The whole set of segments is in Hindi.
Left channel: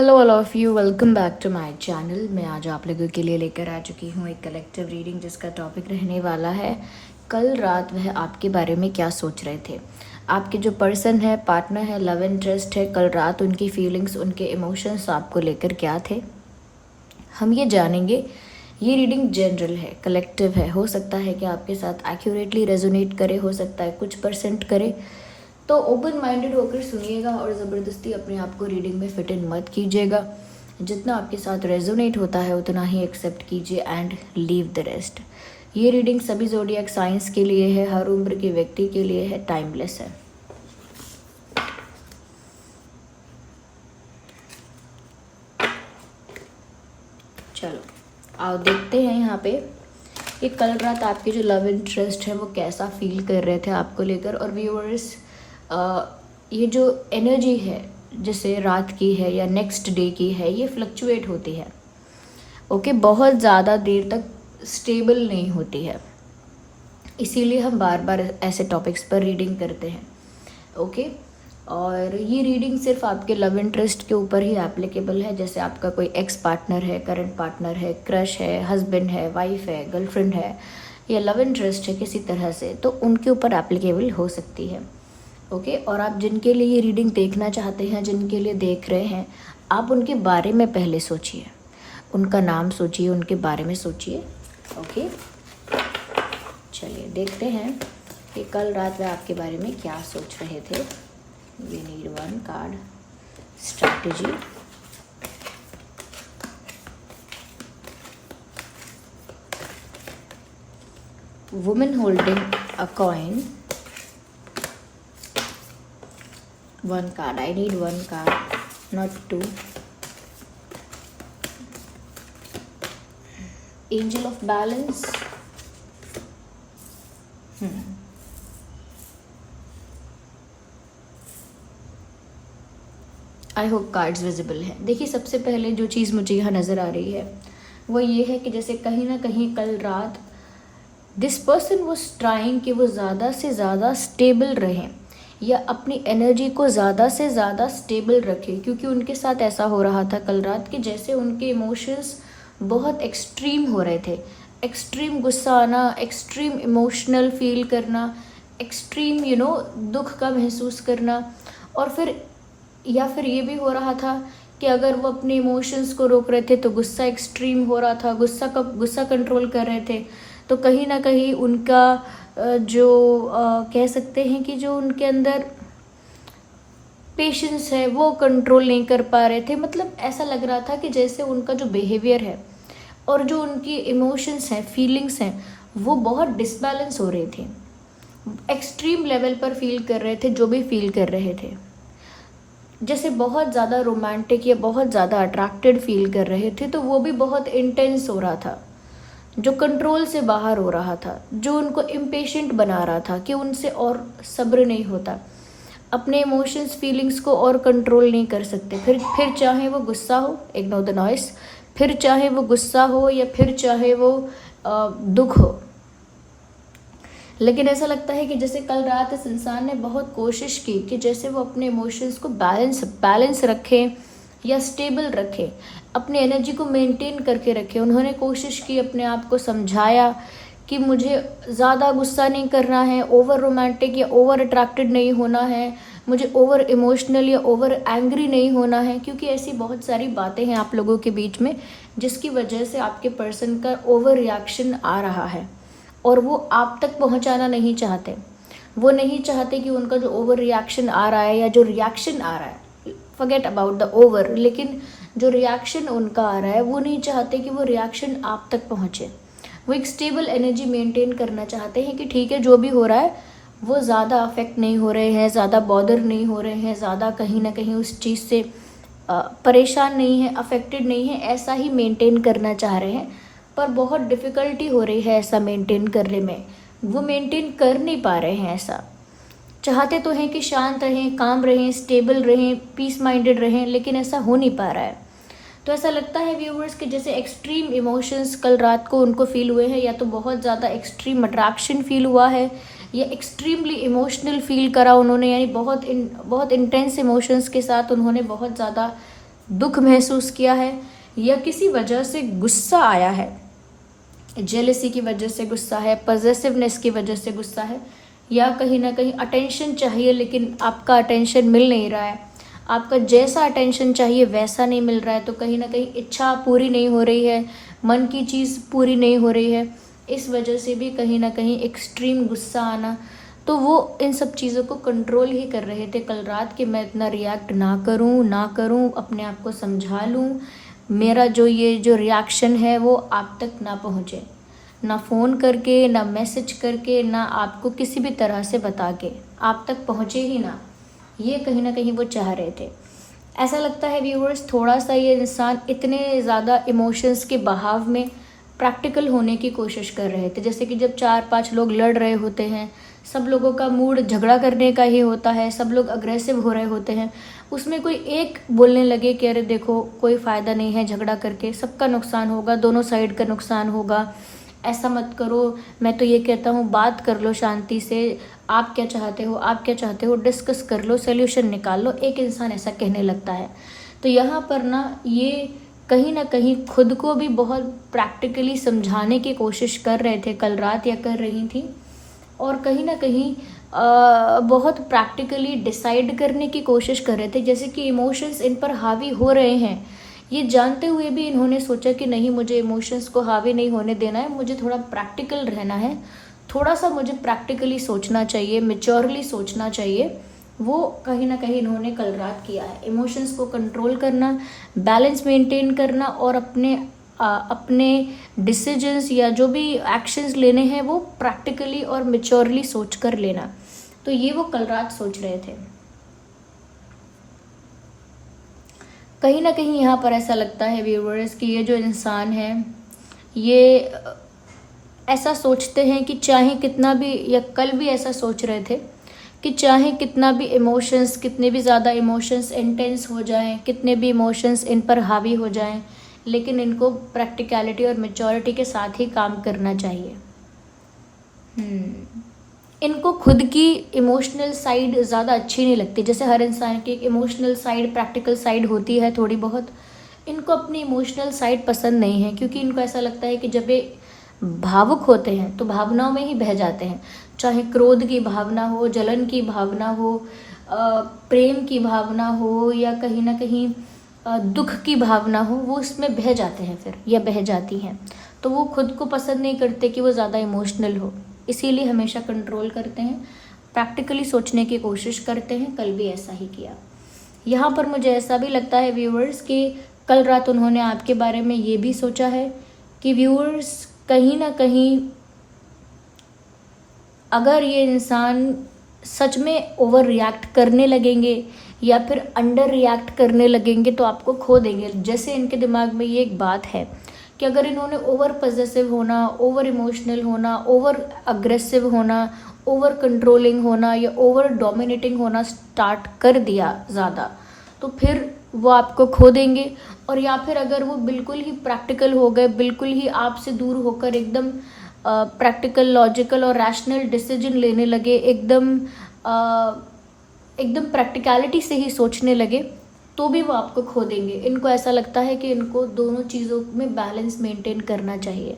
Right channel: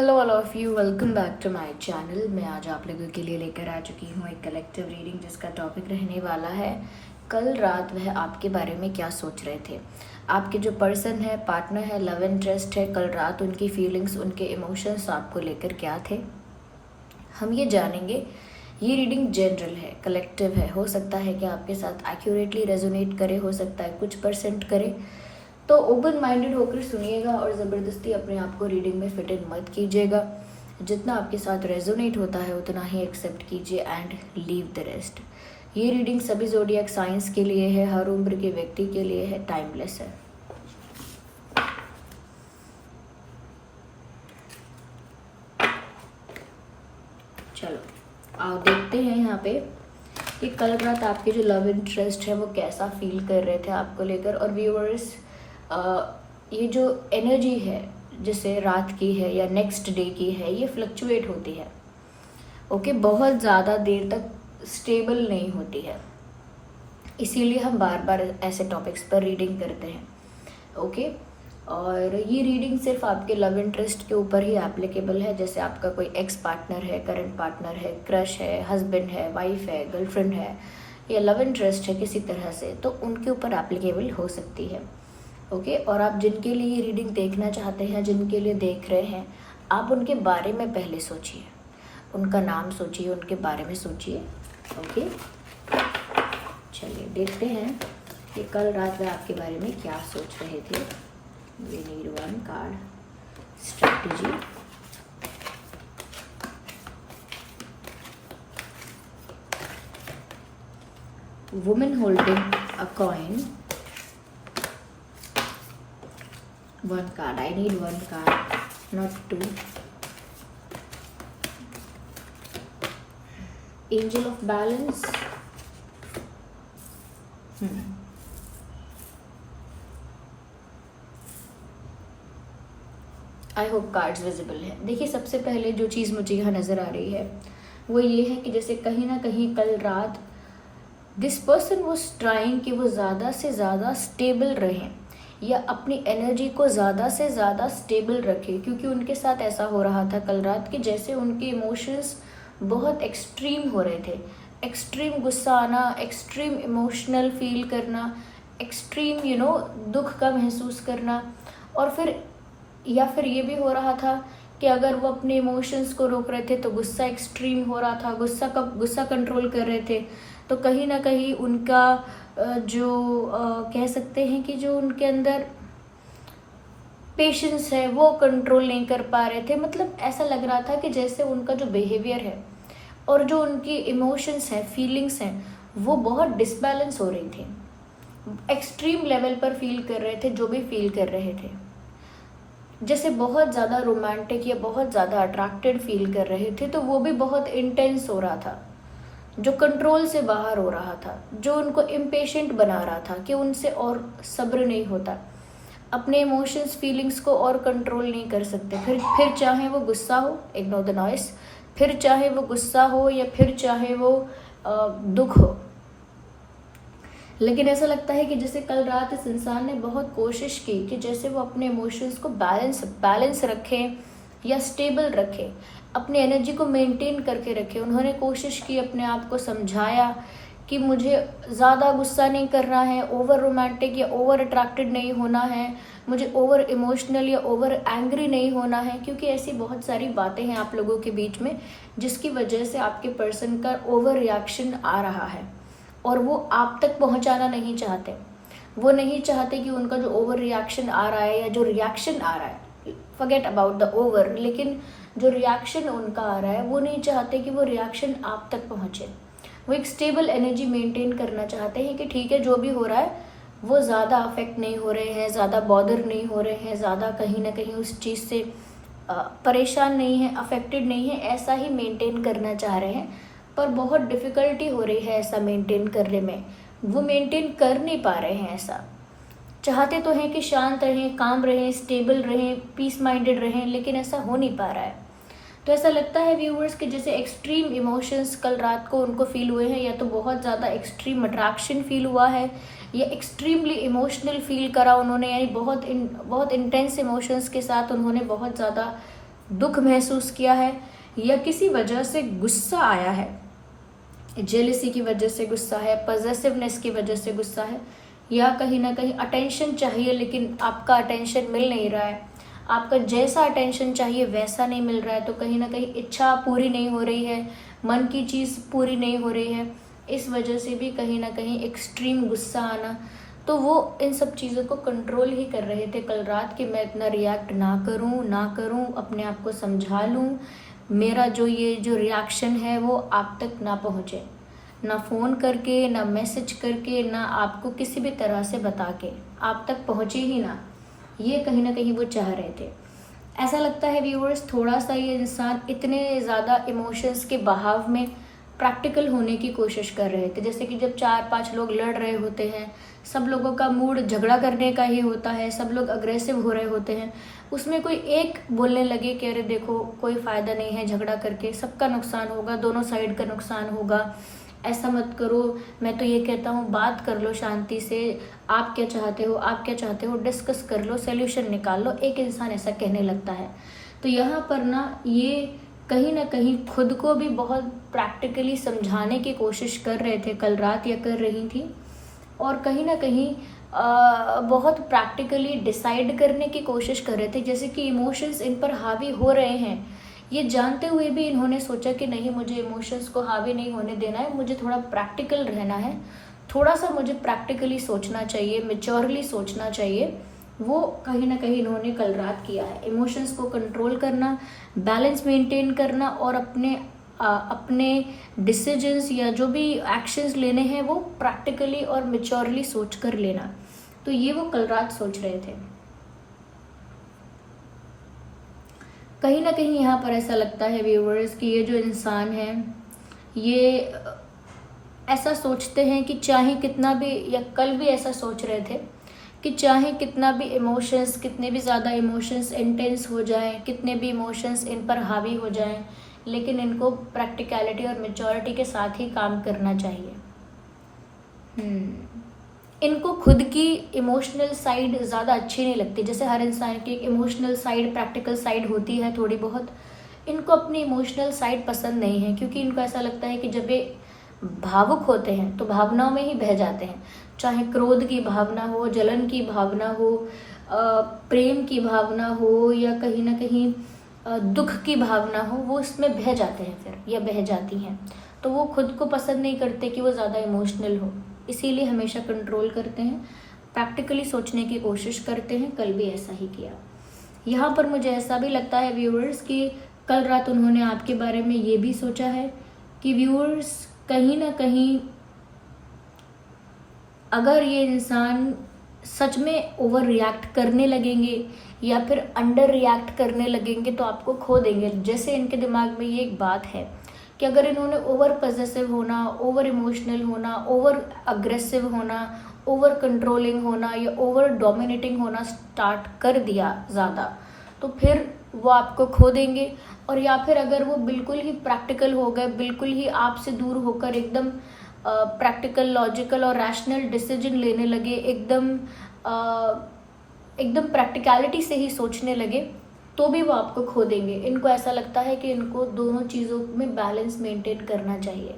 Hello all of you, welcome back to my channel. मैं आज आप लोगों के लिए लेकर आ चुकी हूँ एक कलेक्टिव रीडिंग जिसका टॉपिक रहने वाला है कल रात वह आपके बारे में क्या सोच रहे थे। आपके जो पर्सन है, पार्टनर है, लव इंटरेस्ट है, कल रात उनकी फीलिंग्स, उनके इमोशंस आपको लेकर क्या थे, हम ये जानेंगे। ये रीडिंग जनरल है, कलेक्टिव है। हो सकता है कि आपके साथ एक्यूरेटली रेजोनेट करे, हो सकता है कुछ परसेंट करे। तो ओपन माइंडेड होकर सुनिएगा और ज़बरदस्ती अपने आप को रीडिंग में फिट इन मत कीजिएगा। जितना आपके साथ रेजोनेट होता है उतना ही एक्सेप्ट कीजिए एंड लीव द रेस्ट। ये रीडिंग सभी ज़ोडिएक साइंस के लिए है, हर उम्र के व्यक्ति के लिए है, टाइमलेस है। चलो आओ देखते हैं यहाँ पे कि कल रात आपके जो लव इंटरेस्ट है वो कैसा फील कर रहे थे आपको लेकर। और व्यूअर्स, ये जो एनर्जी है जैसे रात की है या नेक्स्ट डे की है, ये फ्लक्चुएट होती है। ओके, बहुत ज़्यादा देर तक स्टेबल नहीं होती है, इसीलिए हम बार बार ऐसे टॉपिक्स पर रीडिंग करते हैं। ओके, और ये रीडिंग सिर्फ आपके लव इंटरेस्ट के ऊपर ही एप्लीकेबल है। जैसे आपका कोई एक्स पार्टनर है, करंट पार्टनर है, क्रश है, हस्बैंड है, वाइफ है, गर्लफ्रेंड है या लव इंटरेस्ट है किसी तरह से, तो उनके ऊपर एप्लीकेबल हो सकती है। ओके, और आप जिनके लिए ये रीडिंग देखना चाहते हैं, जिनके लिए देख रहे हैं, आप उनके बारे में पहले सोचिए, उनका नाम सोचिए, उनके बारे में सोचिए। ओके, चलिए देखते हैं कि कल रात वह आपके बारे में क्या सोच रहे थे। We need one card strategy. Women holding a coin. One card. I need one card, not two. Angel of Balance. I hope cards visible है। देखिए, सबसे पहले जो चीज़ मुझे यहाँ नज़र आ रही है वो ये है कि जैसे कहीं ना कहीं कल रात दिस पर्सन वाज ट्राइंग कि वो ज़्यादा से ज़्यादा स्टेबल रहें या अपनी एनर्जी को ज़्यादा से ज़्यादा स्टेबल रखें, क्योंकि उनके साथ ऐसा हो रहा था कल रात कि जैसे उनके इमोशंस बहुत एक्सट्रीम हो रहे थे। एक्सट्रीम गुस्सा आना, एक्सट्रीम इमोशनल फील करना, एक्सट्रीम दुख का महसूस करना। और फिर ये भी हो रहा था कि अगर वो अपने इमोशंस को रोक रहे थे तो गुस्सा एक्सट्रीम हो रहा था, गुस्सा कंट्रोल कर रहे थे। तो कहीं ना कहीं उनका जो कह सकते हैं कि जो उनके अंदर पेशेंस है वो कंट्रोल नहीं कर पा रहे थे। मतलब ऐसा लग रहा था कि जैसे उनका जो बिहेवियर है और जो उनकी इमोशंस हैं, फीलिंग्स हैं, वो बहुत डिसबैलेंस हो रहे थे। एक्सट्रीम लेवल पर फील कर रहे थे जो भी फील कर रहे थे। जैसे बहुत ज़्यादा रोमांटिक या बहुत ज़्यादा अट्रैक्टेड फील कर रहे थे, तो वो भी बहुत इंटेंस हो रहा था, जो कंट्रोल से बाहर हो रहा था, जो उनको इम्पेशेंट बना रहा था कि उनसे और सब्र नहीं होता, अपने इमोशंस, फीलिंग्स को और कंट्रोल नहीं कर सकते। फिर चाहे वो गुस्सा हो, इग्नोर द नॉइस, फिर चाहे वो गुस्सा हो या फिर चाहे वो दुख हो। लेकिन ऐसा लगता है कि जैसे कल रात इस इंसान ने बहुत कोशिश की कि जैसे वो अपने इमोशंस को बैलेंस रखें या स्टेबल रखें, अपनी एनर्जी को मेंटेन करके रखें। उन्होंने कोशिश की, अपने आप को समझाया कि मुझे ज़्यादा गुस्सा नहीं करना है, ओवर रोमांटिक या ओवर अट्रैक्टेड नहीं होना है, मुझे ओवर इमोशनल या ओवर एंग्री नहीं होना है, क्योंकि ऐसी बहुत सारी बातें हैं आप लोगों के बीच में जिसकी वजह से आपके पर्सन का ओवर रिएक्शन आ रहा है और वो आप तक पहुंचाना नहीं चाहते। वो नहीं चाहते कि उनका जो ओवर रिएक्शन आ रहा है या जो रिएक्शन आ रहा है, फॉरगेट अबाउट द ओवर, लेकिन जो रिएक्शन उनका आ रहा है वो नहीं चाहते कि वो रिएक्शन आप तक पहुंचे। वो एक स्टेबल एनर्जी मेंटेन करना चाहते हैं कि ठीक है, जो भी हो रहा है वो ज़्यादा अफेक्ट नहीं हो रहे हैं, ज़्यादा बॉदर नहीं हो रहे हैं, ज़्यादा कहीं ना कहीं उस चीज़ से परेशान नहीं है, अफेक्टेड नहीं है, ऐसा ही मेंटेन करना चाह रहे हैं। पर बहुत डिफ़िकल्टी हो रही है ऐसा मेंटेन करने में, वो मेंटेन कर नहीं पा रहे हैं। ऐसा चाहते तो हैं कि शांत रहें, काम रहें, स्टेबल रहें, पीस माइंडेड रहें, लेकिन ऐसा हो नहीं पा रहा है। तो ऐसा लगता है व्यूवर्स कि जैसे एक्सट्रीम इमोशंस कल रात को उनको फील हुए हैं, या तो बहुत ज़्यादा एक्सट्रीम अट्रैक्शन फील हुआ है या एक्सट्रीमली इमोशनल फील करा उन्होंने, यानी बहुत इंटेंस इमोशंस के साथ उन्होंने बहुत ज़्यादा दुख महसूस किया है, या किसी वजह से गुस्सा आया है, जेलसी की वजह से गुस्सा है, पॉजेसिवनेस की वजह से गुस्सा है, या कहीं ना कहीं अटेंशन चाहिए लेकिन आपका अटेंशन मिल नहीं रहा है, आपका जैसा अटेंशन चाहिए वैसा नहीं मिल रहा है, तो कहीं ना कहीं इच्छा पूरी नहीं हो रही है, मन की चीज़ पूरी नहीं हो रही है, इस वजह से भी कहीं ना कहीं एक्सट्रीम गुस्सा आना। तो वो इन सब चीज़ों को कंट्रोल ही कर रहे थे कल रात कि मैं इतना रिएक्ट ना करूं, अपने आप को समझा लूं, मेरा जो रिएक्शन है वो आप तक ना पहुंचे, ना फ़ोन करके, ना मैसेज करके, ना आपको किसी भी तरह से बता के, आप तक पहुंचे ही ना। ये कहीं ना कहीं वो चाह रहे थे। ऐसा लगता है व्यूअर्स, थोड़ा सा ये इंसान इतने ज़्यादा इमोशंस के बहाव में प्रैक्टिकल होने की कोशिश कर रहे थे। जैसे कि जब 4-5 लोग लड़ रहे होते हैं, सब लोगों का मूड झगड़ा करने का ही होता है, सब लोग अग्रेसिव हो रहे होते हैं, उसमें कोई एक बोलने लगे कि अरे देखो कोई फ़ायदा नहीं है झगड़ा करके, सबका नुकसान होगा, दोनों साइड का नुकसान होगा, ऐसा मत करो, मैं तो ये कहता हूँ बात कर लो शांति से, आप क्या चाहते हो, डिस्कस कर लो, सोल्यूशन निकाल लो, एक इंसान ऐसा कहने लगता है। तो यहाँ पर ना ये कहीं ना कहीं खुद को भी बहुत प्रैक्टिकली समझाने की कोशिश कर रहे थे कल रात, या कर रही थी, और कहीं ना कहीं बहुत प्रैक्टिकली डिसाइड करने की कोशिश कर रहे थे, जैसे कि इमोशंस इन पर हावी हो रहे हैं, ये जानते हुए भी इन्होंने सोचा कि नहीं, मुझे इमोशंस को हावी नहीं होने देना है, मुझे थोड़ा प्रैक्टिकल रहना है, थोड़ा सा मुझे प्रैक्टिकली सोचना चाहिए, मेच्योरली सोचना चाहिए। वो कहीं ना कहीं इन्होंने कल रात किया है। इमोशंस को कंट्रोल करना, बैलेंस मेंटेन करना, और अपने डिसीजंस या जो भी एक्शंस लेने हैं वो प्रैक्टिकली और मेच्योरली सोच कर लेना। तो ये वो कल रात सोच रहे थे। कहीं ना कहीं यहाँ पर ऐसा लगता है व्यूअर्स कि ये जो इंसान है ये ऐसा सोचते हैं कि चाहे कितना भी, या कल भी ऐसा सोच रहे थे कि चाहे कितना भी इमोशंस, कितने भी ज़्यादा इमोशंस इंटेंस हो जाएं, कितने भी इमोशंस इन पर हावी हो जाएं, लेकिन इनको प्रैक्टिकलिटी और मैच्योरिटी के साथ ही काम करना चाहिए। इनको खुद की इमोशनल साइड ज़्यादा अच्छी नहीं लगती। जैसे हर इंसान की इमोशनल साइड, प्रैक्टिकल साइड होती है थोड़ी बहुत, इनको अपनी इमोशनल साइड पसंद नहीं है, क्योंकि इनको ऐसा लगता है कि जब ये भावुक होते हैं तो भावनाओं में ही बह जाते हैं, चाहे क्रोध की भावना हो, जलन की भावना हो, प्रेम की भावना हो, या कहीं ना कहीं दुख की भावना हो, वो इसमें बह जाते हैं फिर, या बह जाती हैं। तो वो खुद को पसंद नहीं करते कि वो ज़्यादा इमोशनल हो, इसीलिए हमेशा कंट्रोल करते हैं, प्रैक्टिकली सोचने की कोशिश करते हैं। कल भी ऐसा ही किया। यहाँ पर मुझे ऐसा भी लगता है व्यूअर्स कि कल रात उन्होंने आपके बारे में ये भी सोचा है कि व्यूअर्स कहीं ना कहीं अगर ये इंसान सच में ओवर रिएक्ट करने लगेंगे या फिर अंडर रिएक्ट करने लगेंगे तो आपको खो देंगे। जैसे इनके दिमाग में ये एक बात है कि अगर इन्होंने ओवर पॉजेसिव होना, ओवर इमोशनल होना, ओवर अग्रेसिव होना, ओवर कंट्रोलिंग होना या ओवर डोमिनेटिंग होना स्टार्ट कर दिया ज़्यादा, तो फिर वो आपको खो देंगे। और या फिर अगर वो बिल्कुल ही प्रैक्टिकल हो गए, बिल्कुल ही आपसे दूर होकर एकदम प्रैक्टिकल, लॉजिकल और रैशनल डिसीजन लेने लगे, एकदम प्रैक्टिकलिटी से ही सोचने लगे, तो भी वो आपको खो देंगे। इनको ऐसा लगता है कि इनको दोनों चीज़ों में बैलेंस मेंटेन करना चाहिए।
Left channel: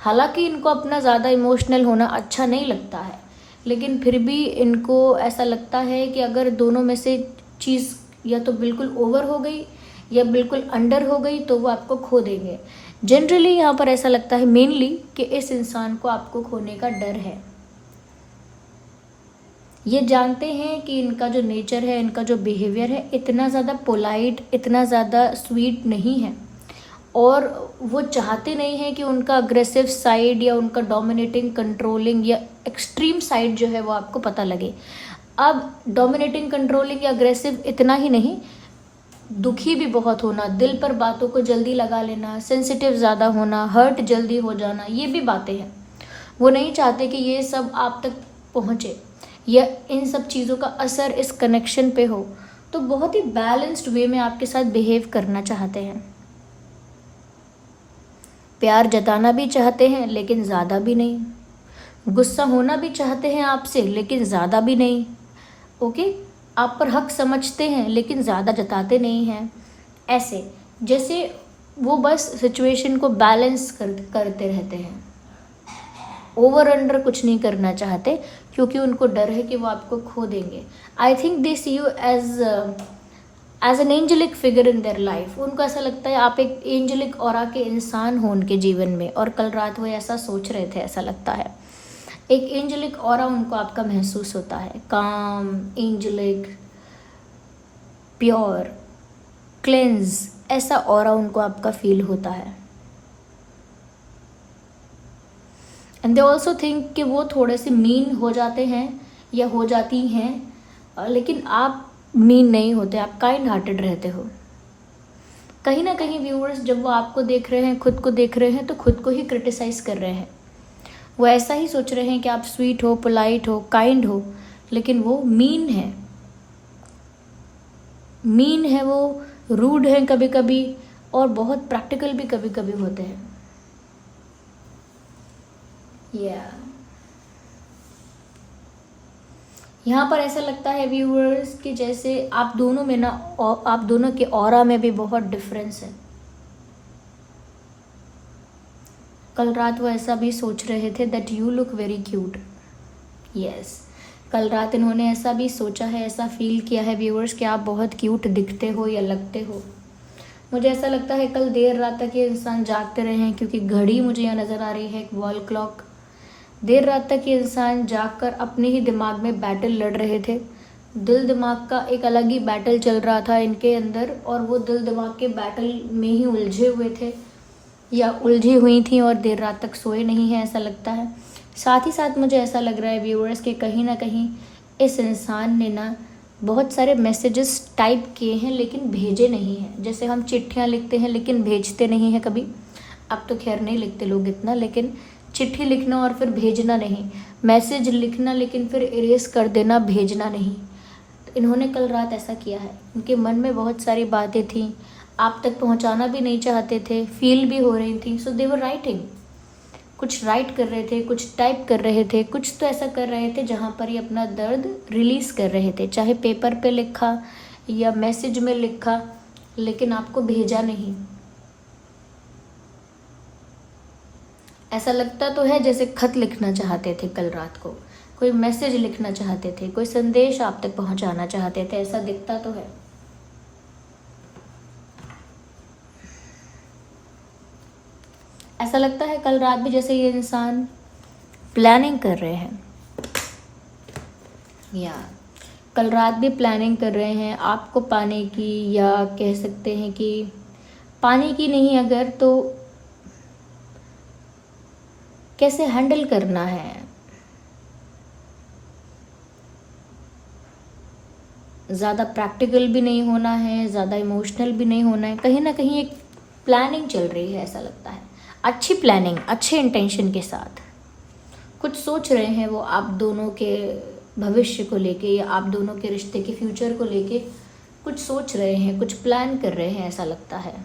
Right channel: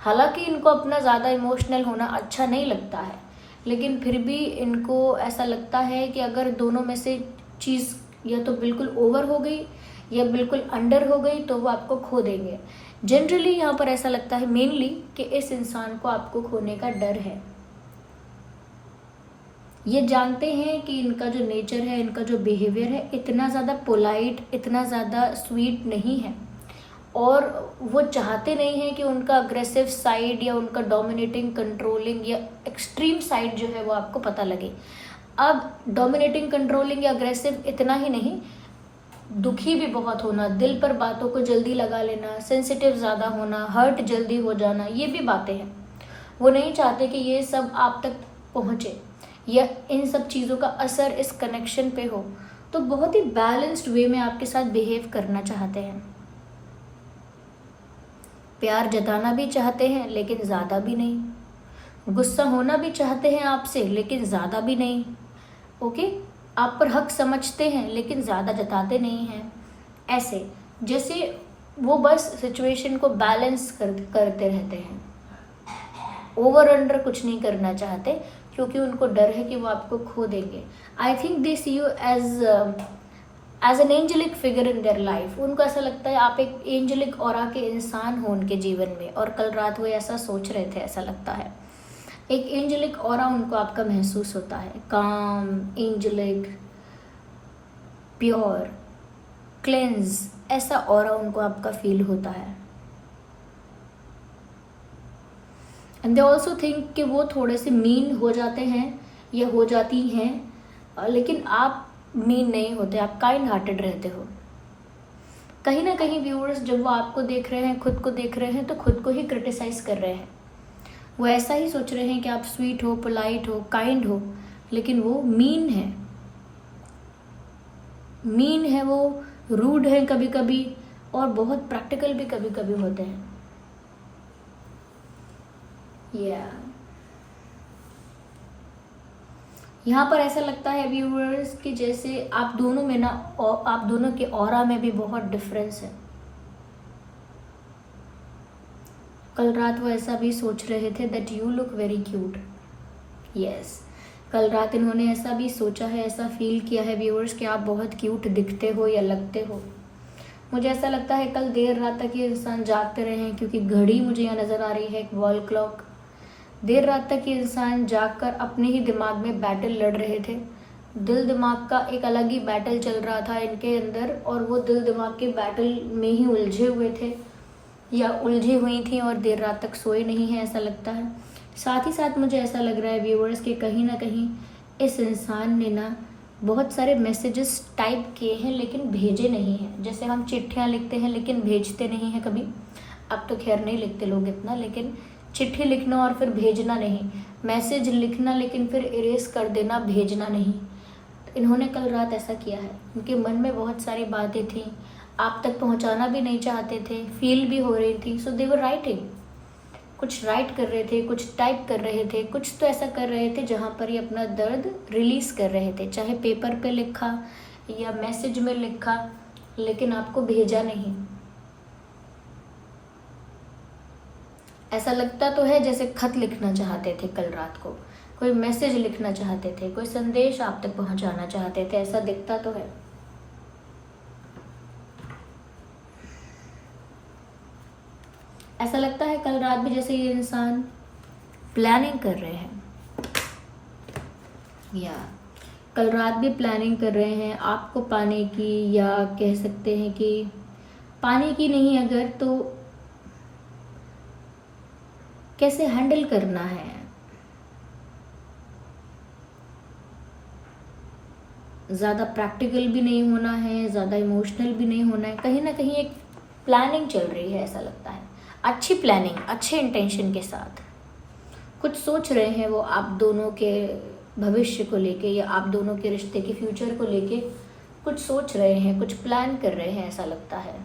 हालांकि इनको अपना ज़्यादा इमोशनल होना अच्छा नहीं लगता है, लेकिन फिर भी इनको ऐसा लगता है कि अगर दोनों में से चीज़ या तो बिल्कुल ओवर हो गई या बिल्कुल अंडर हो गई तो वो आपको खो देंगे। जनरली यहाँ पर ऐसा लगता है मेनली कि इस इंसान को आपको खोने का डर है। ये जानते हैं कि इनका जो नेचर है, इनका जो बिहेवियर है, इतना ज़्यादा पोलाइट, इतना ज़्यादा स्वीट नहीं है, और वो चाहते नहीं हैं कि उनका अग्रेसिव साइड या उनका डोमिनेटिंग, कंट्रोलिंग या एक्सट्रीम साइड जो है वो आपको पता लगे। अब डोमिनेटिंग, कंट्रोलिंग या अग्रेसिव इतना ही नहीं, दुखी भी बहुत होना, दिल पर बातों को जल्दी लगा लेना, सेंसिटिव ज़्यादा होना, हर्ट जल्दी हो जाना, ये भी बातें हैं। वो नहीं चाहते कि ये सब आप तक पहुँचे या इन सब चीज़ों का असर इस कनेक्शन पे हो। तो बहुत ही बैलेंस्ड वे में आपके साथ बिहेव करना चाहते हैं, प्यार जताना भी चाहते हैं लेकिन ज़्यादा भी नहीं, गुस्सा होना भी चाहते हैं आपसे लेकिन ज़्यादा भी नहीं, ओके, आप पर हक समझते हैं लेकिन ज़्यादा जताते नहीं हैं, ऐसे जैसे वो बस सिचुएशन को बैलेंस करते रहते हैं, ओवर अंडर कुछ नहीं करना चाहते, क्योंकि उनको डर है कि वो आपको खो देंगे. I think they see you as an angelic figure in their life. उनको ऐसा लगता है आप एक एंजेलिक ऑरा के इंसान हो उनके जीवन में, और कल रात वो ऐसा सोच रहे थे, ऐसा लगता है. एक एंजेलिक ऑरा उनको आपका महसूस होता है, काम, एंजेलिक, प्योर, क्लेंज, ऐसा ऑरा उनको आपका फील होता है. एंड दे ऑल्सो थिंक कि वो थोड़े से मीन हो जाते हैं या हो जाती हैं, लेकिन आप मीन नहीं होते, आप काइंड हार्टेड रहते हो. कहीं ना कहीं व्यूअर्स जब वो आपको देख रहे हैं, खुद को देख रहे हैं, तो खुद को ही क्रिटिसाइज कर रहे हैं. वो ऐसा ही सोच रहे हैं कि आप स्वीट हो, पोलाइट हो, काइंड हो, लेकिन वो मीन है. मीन है वो, रूड है कभी कभी, और बहुत प्रैक्टिकल भी कभी कभी होते हैं. यहाँ पर ऐसा लगता है व्यूअर्स कि जैसे आप दोनों में ना, आप दोनों के ऑरा में भी बहुत डिफरेंस है. कल रात वो ऐसा भी सोच रहे थे that you look very cute. Yes, कल रात इन्होंने ऐसा भी सोचा है, ऐसा फील किया है व्यूअर्स कि आप बहुत क्यूट दिखते हो या लगते हो. मुझे ऐसा लगता है कल देर रात तक ये इंसान जागते रहे हैं, क्योंकि घड़ी मुझे यहाँ नज़र आ रही है, एक वॉल क्लॉक. देर रात तक ये इंसान जागकर अपने ही दिमाग में बैटल लड़ रहे थे. दिल दिमाग का एक अलग ही बैटल चल रहा था इनके अंदर, और वो दिल दिमाग के बैटल में ही उलझे हुए थे या उलझी हुई थी, और देर रात तक सोए नहीं हैं, ऐसा लगता है. साथ ही साथ मुझे ऐसा लग रहा है व्यूअर्स कि कहीं ना कहीं इस इंसान ने ना बहुत सारे मैसेजेस टाइप किए हैं, लेकिन भेजे नहीं हैं. जैसे हम चिट्ठियाँ लिखते हैं लेकिन भेजते नहीं हैं कभी. अब तो खैर नहीं लिखते लोग इतना, लेकिन चिट्ठी लिखना और फिर भेजना नहीं, मैसेज लिखना लेकिन फिर इरेज कर देना, भेजना नहीं. तो इन्होंने कल रात ऐसा किया है. उनके मन में बहुत सारी बातें थी, आप तक पहुंचाना भी नहीं चाहते थे, फील भी हो रही थी. सो दे वर राइटिंग, कुछ राइट कर रहे थे, कुछ टाइप कर रहे थे, कुछ तो ऐसा कर रहे थे जहाँ पर ये अपना दर्द रिलीज कर रहे थे. चाहे पेपर पे लिखा या मैसेज में लिखा, लेकिन आपको भेजा नहीं. ऐसा लगता तो है जैसे खत लिखना चाहते थे कल रात को, कोई मैसेज लिखना चाहते थे, कोई संदेश आप तक पहुंचाना चाहते थे, ऐसा दिखता तो है. ऐसा लगता है कल रात भी जैसे ये इंसान प्लानिंग कर रहे हैं, या कल रात भी प्लानिंग कर रहे हैं आपको पाने की, या कह सकते हैं कि पाने की नहीं, अगर तो कैसे हैंडल करना है. ज़्यादा प्रैक्टिकल भी नहीं होना है, ज़्यादा इमोशनल भी नहीं होना है. कहीं ना कहीं एक प्लानिंग चल रही है, ऐसा लगता है. अच्छी प्लानिंग, अच्छे इंटेंशन के साथ कुछ सोच रहे हैं वो आप दोनों के भविष्य को लेके, या आप दोनों के रिश्ते के फ्यूचर को लेके कुछ सोच रहे हैं, कुछ प्लान कर रहे हैं, ऐसा लगता है.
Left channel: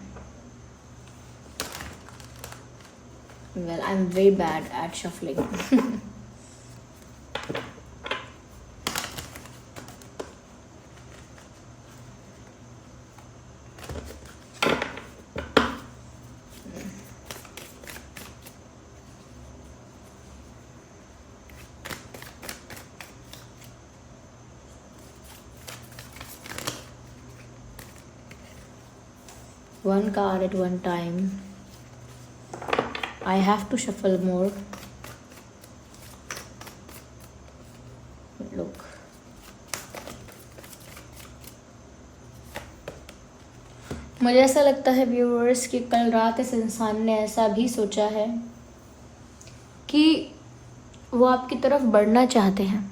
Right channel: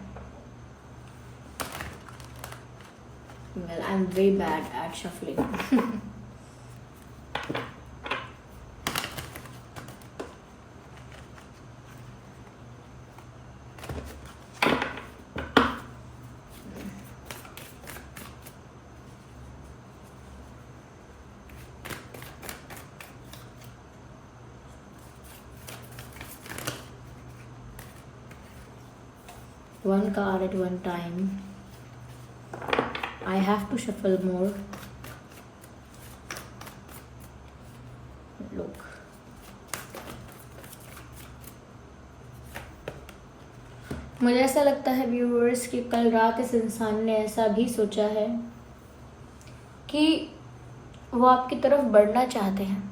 Well, I'm very bad at shuffling. One card at one time. I have to shuffle more. Look. मुझे ऐसा लगता है व्यूअर्स कि कल रात इस इंसान ने ऐसा भी सोचा है कि वो आपकी तरफ बढ़ना चाहते हैं,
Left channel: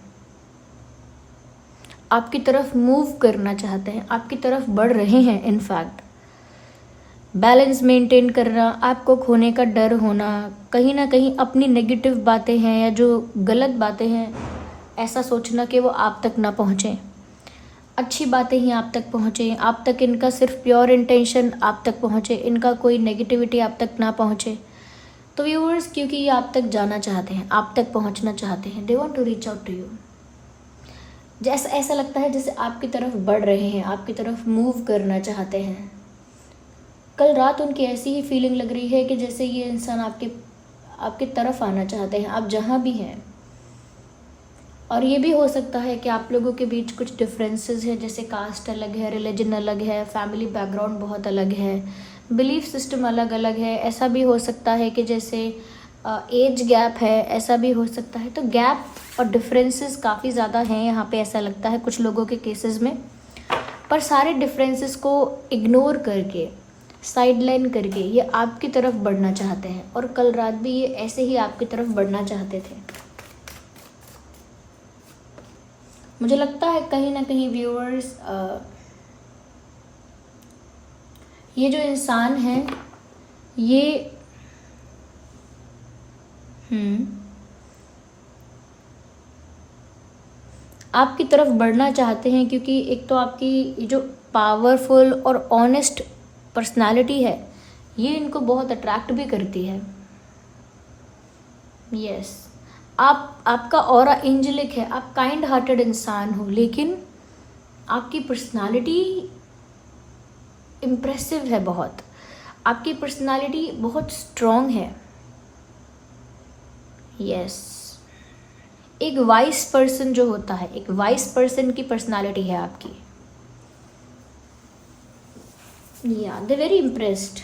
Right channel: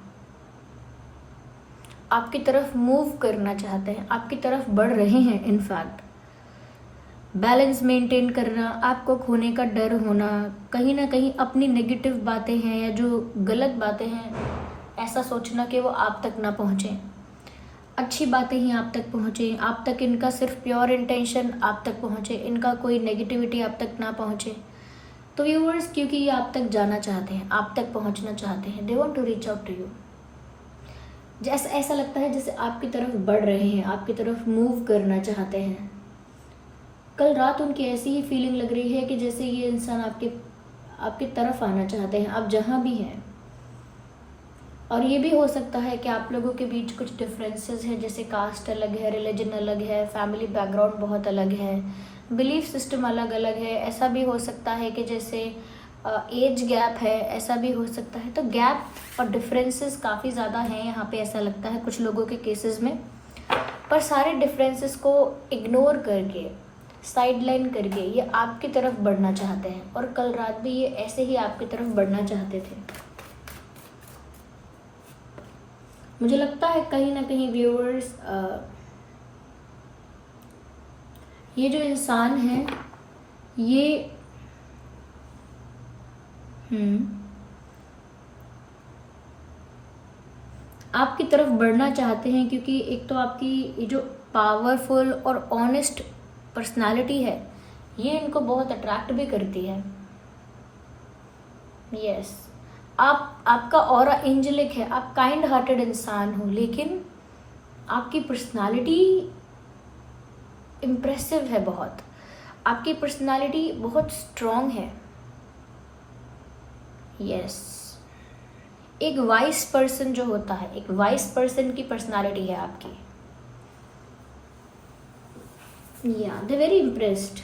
आपकी तरफ मूव करना चाहते हैं, आपकी तरफ बढ़ रहे हैं. इनफैक्ट बैलेंस मेंटेन करना, आपको खोने का डर होना, कहीं ना कहीं अपनी नेगेटिव बातें हैं या जो गलत बातें हैं, ऐसा सोचना कि वो आप तक ना पहुँचें. अच्छी बातें ही आप तक पहुँचें, आप तक इनका सिर्फ प्योर इंटेंशन आप तक पहुँचे, इनका कोई नेगेटिविटी आप तक ना पहुँचे. तो व्यूअर्स, क्योंकि ये आप तक जाना चाहते हैं, आप तक पहुँचना चाहते हैं, they want to reach out to you. जैसा ऐसा लगता है जैसे आपकी तरफ बढ़ रहे हैं, आपकी तरफ मूव करना चाहते हैं. कल रात उनकी ऐसी ही फीलिंग लग रही है कि जैसे ये इंसान आपकी तरफ आना चाहते हैं, आप जहाँ भी हैं। और ये भी हो सकता है कि आप लोगों के बीच कुछ डिफरेंसेस है, जैसे कास्ट अलग है, रिलीजन अलग है, फैमिली बैकग्राउंड बहुत अलग है, बिलीफ सिस्टम अलग अलग है। ऐसा भी हो सकता है कि जैसे एज गैप है, ऐसा भी हो सकता है। तो गैप और डिफरेंसेस काफ़ी ज़्यादा हैं यहाँ पे, ऐसा लगता है कुछ लोगों के केसेस में। पर सारे डिफरेंसेस को इग्नोर करके, साइडलाइन करके ये आपकी तरफ बढ़ना चाहते हैं, और कल रात भी ये ऐसे ही आपकी तरफ बढ़ना चाहते थे। मुझे लगता है कहीं ना कहीं व्यूअर्स, ये जो इंसान है ये आपकी तरफ बढ़ना चाहते हैं, क्योंकि एक तो आपकी जो पावरफुल और ऑनेस्ट पर्सनालिटी है ये इनको बहुत अट्रैक्ट भी करती है। यस, आपका ऑरा एंजेलिक है, आप काइंड हार्टेड इंसान हो, लेकिन आपकी पर्सनालिटी इम्प्रेसिव है बहुत। आपकी पर्सनालिटी बहुत स्ट्रॉन्ग है। यस, एक वाइस पर्सन जो होता है, एक वाइस पर्सन की पर्सनालिटी है आपकी। या दे वेरी इम्प्रेस्ड।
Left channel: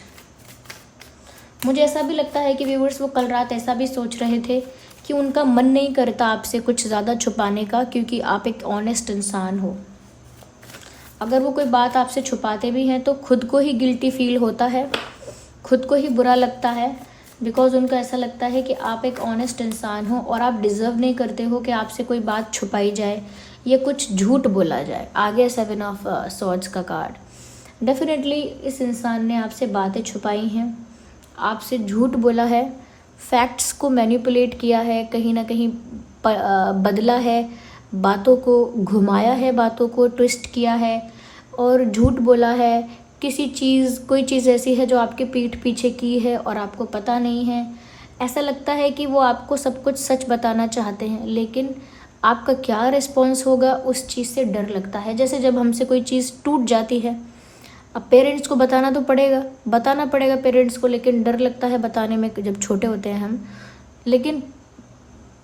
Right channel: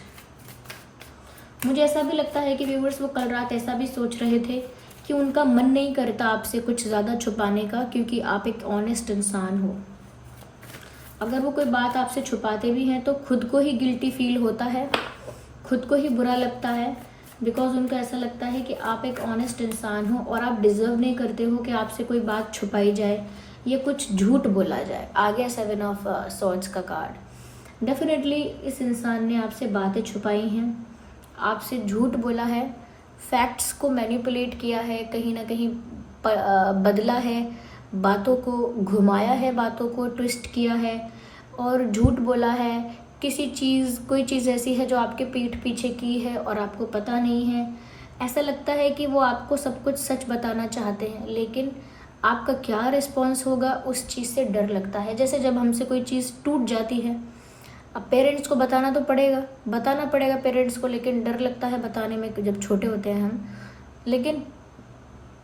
मुझे ऐसा भी लगता है कि व्यूअर्स वो कल रात ऐसा भी सोच रहे थे कि उनका मन नहीं करता आपसे कुछ ज़्यादा छुपाने का, क्योंकि आप एक ऑनेस्ट इंसान हो। अगर वो कोई बात आपसे छुपाते भी हैं तो खुद को ही गिल्टी फील होता है, खुद को ही बुरा लगता है, बिकॉज उनको ऐसा लगता है कि आप एक ऑनेस्ट इंसान हो और आप डिज़र्व नहीं करते हो कि आपसे कोई बात छुपाई जाए या कुछ झूठ बोला जाए। आगे 7 ऑफ सॉर्ड्स का कार्ड। डेफिनेटली इस इंसान ने आपसे बातें छुपाई हैं, आपसे झूठ बोला है, फैक्ट्स को मैनिपुलेट किया है, कहीं ना कहीं बदला है, बातों को घुमाया है, बातों को ट्विस्ट किया है और झूठ बोला है। कोई चीज़ ऐसी है जो आपके पीठ पीछे की है और आपको पता नहीं है। ऐसा लगता है कि वो आपको सब कुछ सच बताना चाहते हैं, लेकिन आपका क्या रिस्पॉन्स होगा उस चीज़ से डर लगता है। जैसे जब हमसे कोई चीज़ टूट जाती है, अब पेरेंट्स को बताना पड़ेगा पेरेंट्स को, लेकिन डर लगता है बताने में जब छोटे होते हैं हम। लेकिन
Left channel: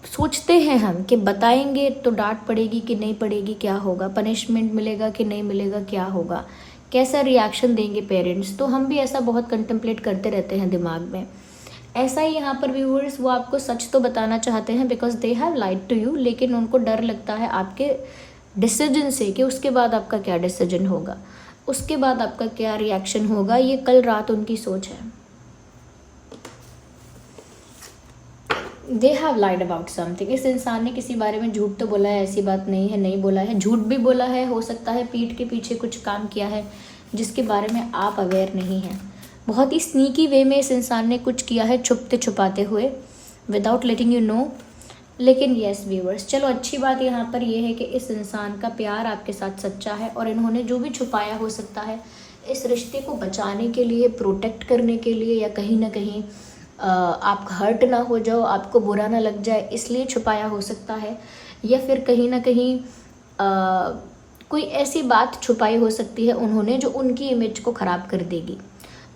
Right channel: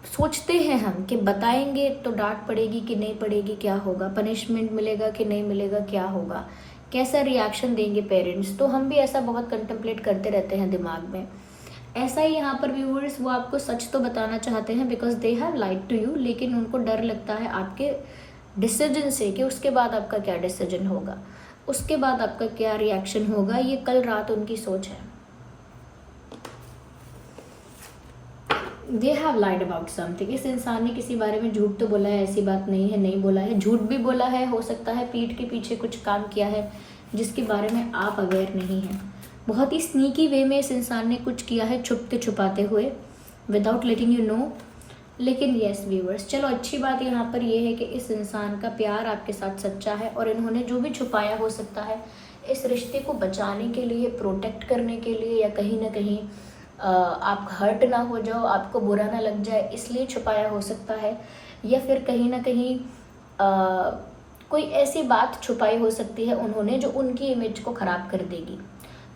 सोचते हैं हम कि बताएंगे तो डांट पड़ेगी कि नहीं पड़ेगी, क्या होगा, पनिशमेंट मिलेगा कि नहीं मिलेगा, क्या होगा, कैसा रिएक्शन देंगे पेरेंट्स। तो हम भी ऐसा बहुत कंटेम्पलेट करते रहते हैं दिमाग में। ऐसा ही यहाँ पर व्यूअर्स, वो आपको सच तो बताना चाहते हैं because they have lied to you, लेकिन उनको डर लगता है आपके डिसीजन से कि उसके बाद आपका क्या डिसीजन होगा, उसके बाद आपका क्या रिएक्शन होगा। ये कल रात उनकी सोच है। They have lied about something. इस इंसान ने किसी बारे में झूठ तो बोला है, ऐसी बात नहीं है नहीं बोला है, झूठ भी बोला है, हो सकता है पीठ के पीछे कुछ काम किया है जिसके बारे में आप अवेयर नहीं हैं। बहुत ही स्नीकी वे में इस इंसान ने कुछ किया है, छुपते छुपाते हुए, विदाउट लेटिंग यू नो। लेकिन येस व्यूअर्स, चलो अच्छी बात यहाँ पर यह है कि इस इंसान का प्यार आपके साथ सच्चा है और इन्होंने जो भी छुपाया हो सकता है इस रिश्ते को बचाने के लिए, प्रोटेक्ट करने के लिए, या कहीं ना कहीं आप हर्ट ना हो जाओ, आपको बुरा ना लग जाए, इसलिए छुपाया हो सकता है। या फिर कहीं ना कहीं कोई ऐसी बात छुपाई हो सकती है उन्होंने जो उनकी इमेज को ख़राब कर देगी,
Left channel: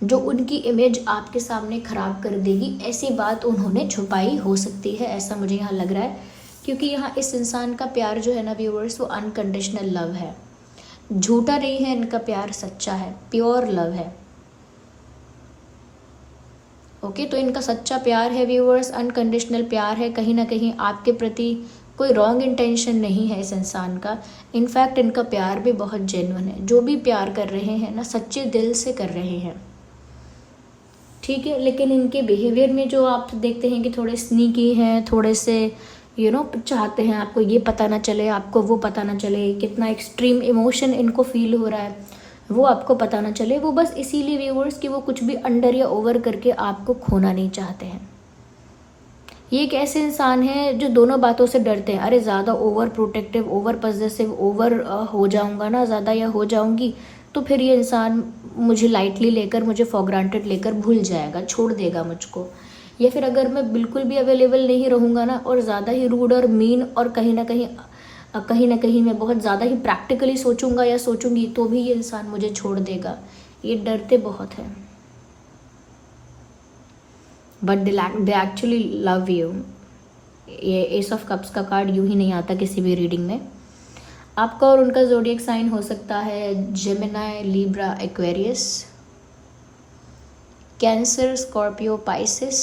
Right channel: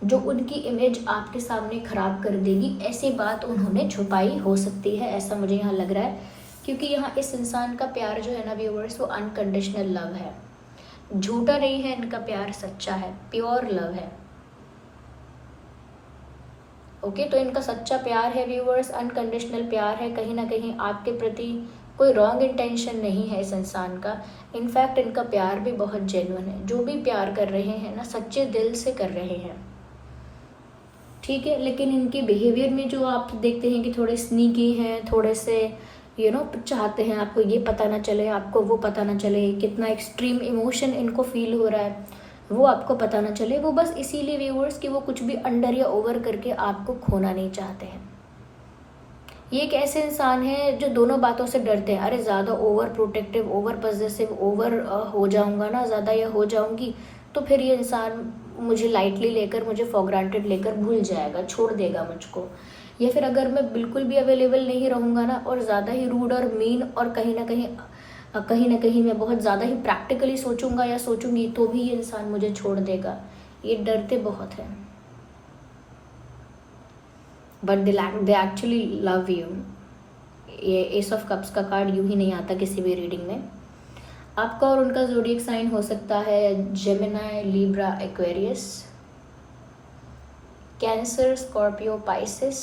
जो उनकी इमेज आपके सामने ख़राब कर देगी, ऐसी बात उन्होंने छुपाई हो सकती है, ऐसा मुझे यहाँ लग रहा है। क्योंकि यहाँ इस इंसान का प्यार जो है ना व्यूअर्स, वो अनकंडीशनल लव है, झूठा नहीं है, इनका प्यार सच्चा है, प्योर लव है। ओके, तो इनका सच्चा प्यार है व्यूअर्स, अनकंडीशनल प्यार है। कहीं ना कहीं आपके प्रति कोई रॉन्ग इंटेंशन नहीं है इस इंसान का। इनफैक्ट इनका प्यार भी बहुत जेन्युइन है, जो भी प्यार कर रहे हैं ना सच्चे दिल से कर रहे हैं, ठीक है। लेकिन इनके बिहेवियर में जो आप देखते हैं कि थोड़े स्नीकी हैं, थोड़े से चाहते हैं आपको ये पता ना चले, आपको वो पता ना चले, कितना एक्सट्रीम इमोशन इनको फील हो रहा है वो आपको पता ना चले। वो बस इसीलिए व्यूअर्स कि वो कुछ भी अंडर या ओवर करके आपको खोना नहीं चाहते हैं। ये एक ऐसे इंसान है जो दोनों बातों से डरते हैं। अरे ज़्यादा over protective, over possessive, over हो जाऊंगा ना ज़्यादा या हो जाऊंगी तो फिर ये इंसान मुझे लाइटली लेकर, मुझे फॉर ग्रांटेड लेकर भूल जाएगा, छोड़ देगा मुझको। या फिर अगर मैं बिल्कुल भी अवेलेबल नहीं रहूँगा ना और ज़्यादा ही रूड और मीन और कहीं ना कहीं मैं बहुत ज़्यादा ही प्रैक्टिकली सोचूंगा या सोचूंगी तो भी ये इंसान मुझे छोड़ देगा। ये डरते बहुत हैं। But they actually love you. ये एस ऑफ कप्स का कार्ड यूं ही नहीं आता किसी भी रीडिंग में। आपका और उनका ज़ोडिएक साइन हो सकता है Gemini, Libra, Aquarius, cancer, Scorpio, Pisces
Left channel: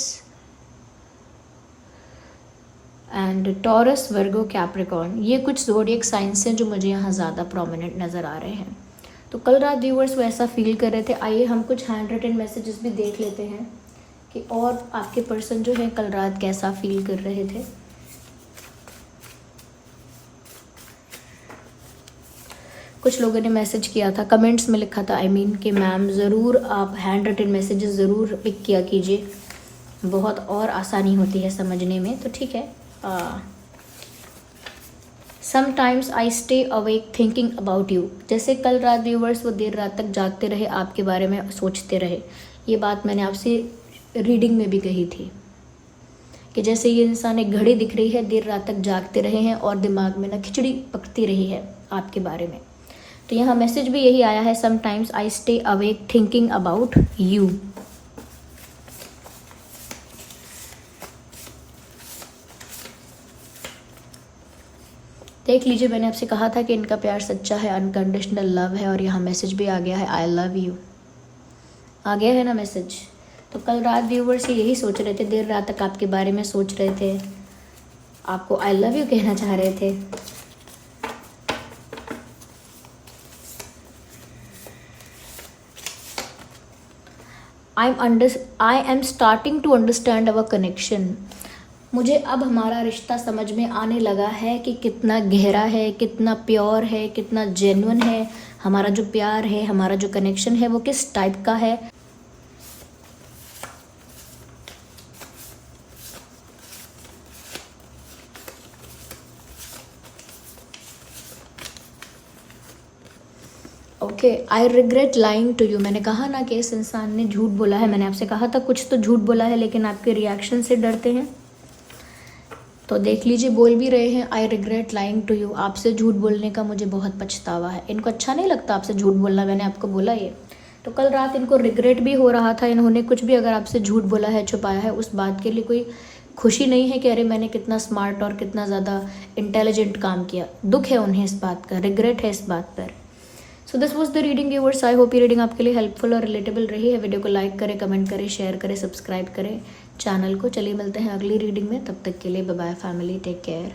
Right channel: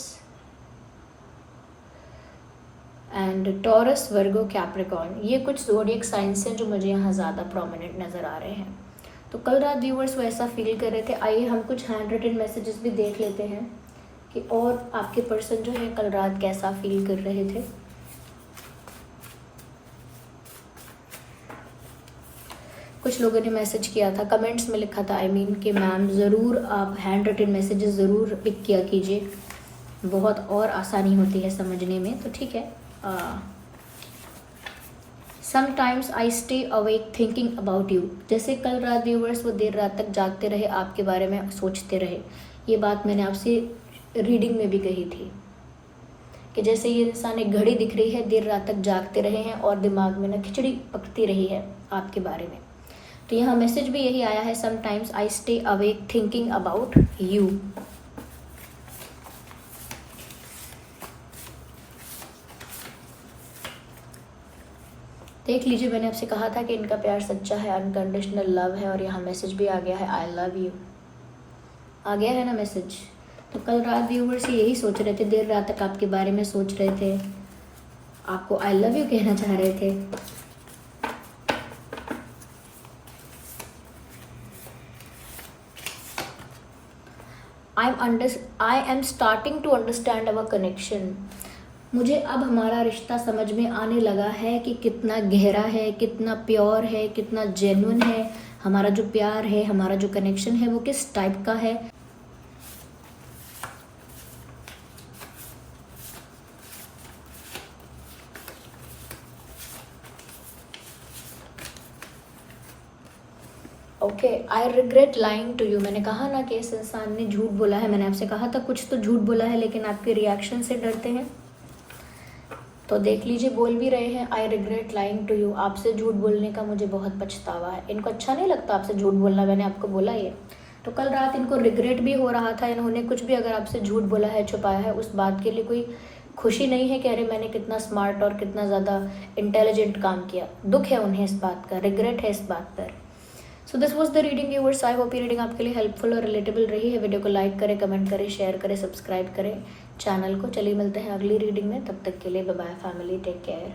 and taurus, Virgo, Capricorn. ये कुछ ज़ोडिएक साइंस हैं जो मुझे यहाँ ज़्यादा प्रोमिनेंट नज़र आ रहे हैं। तो कल रात व्यूअर्स वो ऐसा फील कर रहे थे। आइए हम कुछ हैंड रिटन मैसेजेस भी देख लेते हैं कि और आपके पर्सन जो है कल रात कैसा फील कर रहे थे। कुछ लोगों ने मैसेज किया था, कमेंट्स में लिखा था कि मैम ज़रूर आप हैंड रिटन मैसेजेस ज़रूर पिक किया कीजिए, बहुत और आसानी होती है समझने में। तो ठीक है। Sometimes I stay awake thinking about you. जैसे कल रात व्यूअर्स वो देर रात तक जागते रहे, आपके बारे में सोचते रहे। ये बात मैंने आपसे रीडिंग में भी कही थी कि जैसे ये इंसान, एक घड़ी दिख रही है, देर रात तक जागते रहे हैं और दिमाग में ना खिचड़ी पकती रही है आपके बारे में। तो यहाँ मैसेज भी यही आया है, sometimes I stay awake thinking about you. देख लीजिए, मैंने आपसे कहा था कि इनका प्यार सच्चा है, अनकंडीशनल लव है, और यहाँ मैसेज भी आ गया है, आई लव यू। आ गया है ना मैसेज। तो कल रात व्यूवर्स यही सोच रहे थे, देर रात तक आपके बारे में सोच रहे थे, आपको आई लव यू कहना चाह रहे थे। I am starting to understand our connection. मुझे अब हमारा रिश्ता समझ में आने लगा है कि कितना गहरा है, कितना प्योर है, कितना जेन्युइन है। हमारा जो प्यार है, हमारा जो कनेक्शन है, वो किस टाइप का है। Okay, I regret lying to you. मैंने कहा ना कि इस इंसान ने झूठ बोला है। मैंने आपसे कहा था कुछ तो झूठ बोला है, लेकिन आपके रिएक्शन से डरते हैं। तो देख लीजिए, बोल भी रहे हैं, I regret lying to you. आपसे झूठ बोलने का मुझे बहुत पछतावा है। इनको अच्छा नहीं लगता आपसे झूठ बोलना, मैंने आपको बोला ये। तो कल रात इनको रिग्रेट भी हो रहा था। इन्होंने कुछ भी अगर आपसे झूठ बोला है, छुपाया है, उस बात के लिए कोई खुशी नहीं है कि अरे मैंने कितना स्मार्ट और कितना ज़्यादा इंटेलिजेंट काम किया। दुख है उन्हें इस बात का, रिग्रेट है इस बात पर। So this was the reading viewers. I hope ये रीडिंग आपके लिए हेल्पफुल और रिलेटेबल रही है। वीडियो को लाइक करें, कमेंट करें, शेयर करें, सब्सक्राइब करें चैनल को। चलिए मिलते हैं अगली रीडिंग में, तब तक के लिए bye bye family, take care.